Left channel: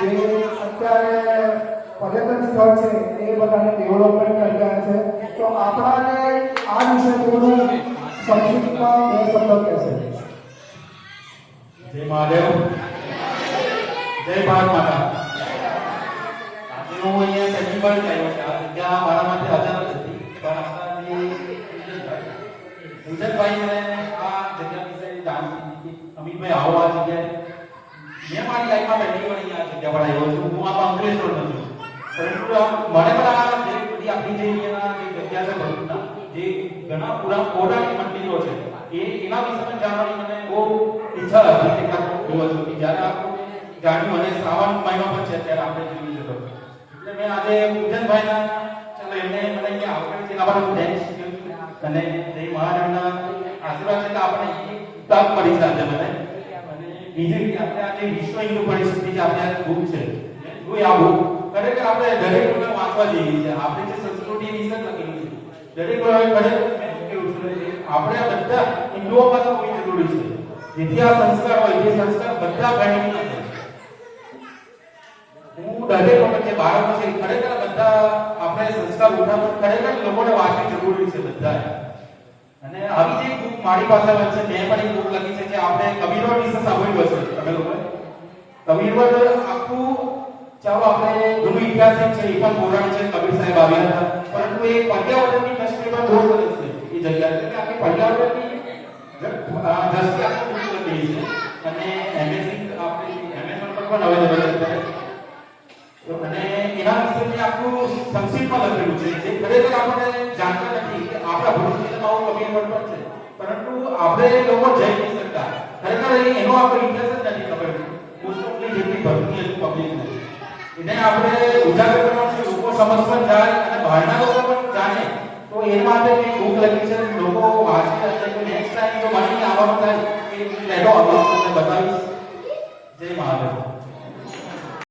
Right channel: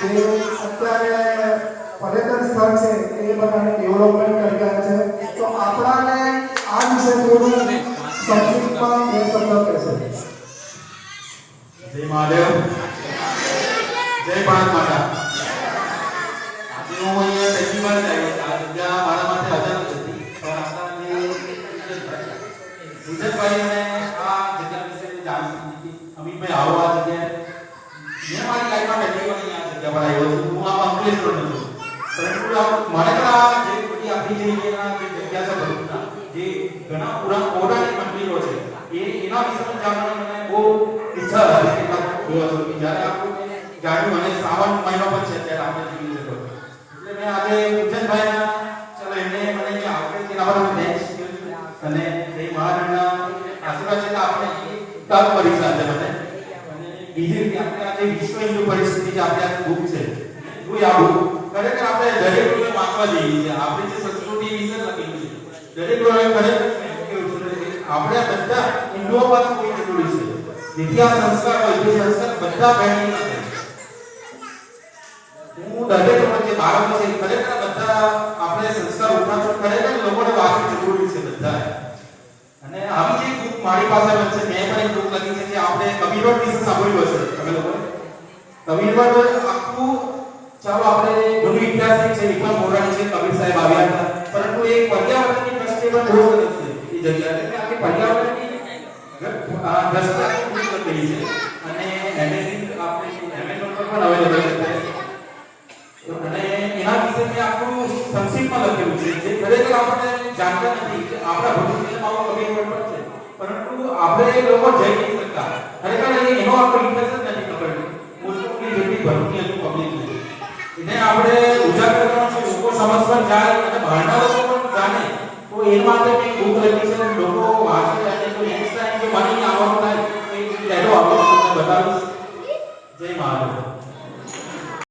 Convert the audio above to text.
જે અત્યારે પર્યટન સ્થળ છે એ બધાને ડેવલપમેન્ટ કરી રહ્યા છે. તો આપણાને આ વિશે થોડું સંક્ષિપ્તમાં બે શબ્દ કહેશે. જય મહાદેવ, જય ભારત માતા. હું અહીંયા પહેલી વાર આવ્યો હતા, ત્યાં મારા માટે અચાનક હતી, પણ આપણા સુજનભાઈ અને આ જગ્યા વિશે જાણવું હતી. અમિતભાઈ આવો આ જગ્યાએ મેં મારી લાઈફમાં પહેલી વાર અહીંયા જગ્યા પર આવ્યો છું. હું આ અંકલેશ્વરનો છું, પરંતુ મને પણ આ જે બધી આપણી જે જગ્યા છે ભરૂચના, જે ઘણા પૌરાણિક મંદિરો છે એના વિશે પણ જાણવાની મને બહુ ઈચ્છા હતી. કેટલાક દિવસો જ્યારે આપણું જાણ્યું અને શ્રાવણ મહિનો પણ છે ત્યારે આપણે જોયું છે. એટલે મેં આજે પૂજનભાઈના ચલો એમને મને અહીંયા આપણે કે આપણા થેન્ક્સ અને જય મહારાજના આશીર્વાદ છે તો આપણે તક મળી છે આજે મને. અને બીજી રીતે આપણે આજે વિશ્વ હિન્દુ પરિસ્થિતિ જે આપણે આ બુક છે જોઈ આ બુક ખરેખર આપણે દરેક લોકોએ વાંચવા જેવી છે. આપણે જે સંસ્કૃતિ વિશે લખેલું છે દરેક લોકોએ ખરેખર આપણે બધા હિન્દુઓ પાસે કોઈ જરૂરી છે. જેથી આ સંસ્કાર હોય એ સંસ્કાર બધા પહેલી નથી. હું દરેક લોકો જે બાળકો છે ખરેખર બધા આપણે સંસ્કાર ઉઠાવશું ખરેખર લોકોને વાંચવી જરૂરી છે બધા. અને આવી જે બુક મારી પાસે છે મેં પણ એક બુક લખી છે જે આપણે કબીરવટ વિશે સાંભળ્યું હશે તમે લોકોએ. કબીરવટ આખું ચાલો આપણે જૂનો ઇતિહાસ છે એ પણ પૌરાણિક છે. કબીર સાહેબ આવ્યા હતા, પરંતુ એ પર્યાવરણની દ્રષ્ટિએ પણ જોર છે એ જગ્યા એટલે આપણે પર્યાવરણની દ્રષ્ટિએ બુક લખેલી છે. અને એમેઝિંગ આપણે એમેઝોન પર પણ અવેલેબલ છે. અને એના વિશે મેં આખું સંક્ષિપ્તમાં લખેલું છે જે ખરેખર આપણે જાણતા નથી કે આપણા ભવિષ્યમાં કબીરવટ પણ છે, પરંતુ આપણે લોકો જઈ નહીં શકતા. ખરેખર એનો આપણો ઇતિહાસ જ નથી ખબર. પુસ્તકની જેટલી ભરતી હતી પબ્લિક એને આપણે ઉજાગર કરવાનો છે, લોકો સમજવા જાય અને બહારના લોકો પણ જાણે. તો એ માટે મેં બુક લખી છે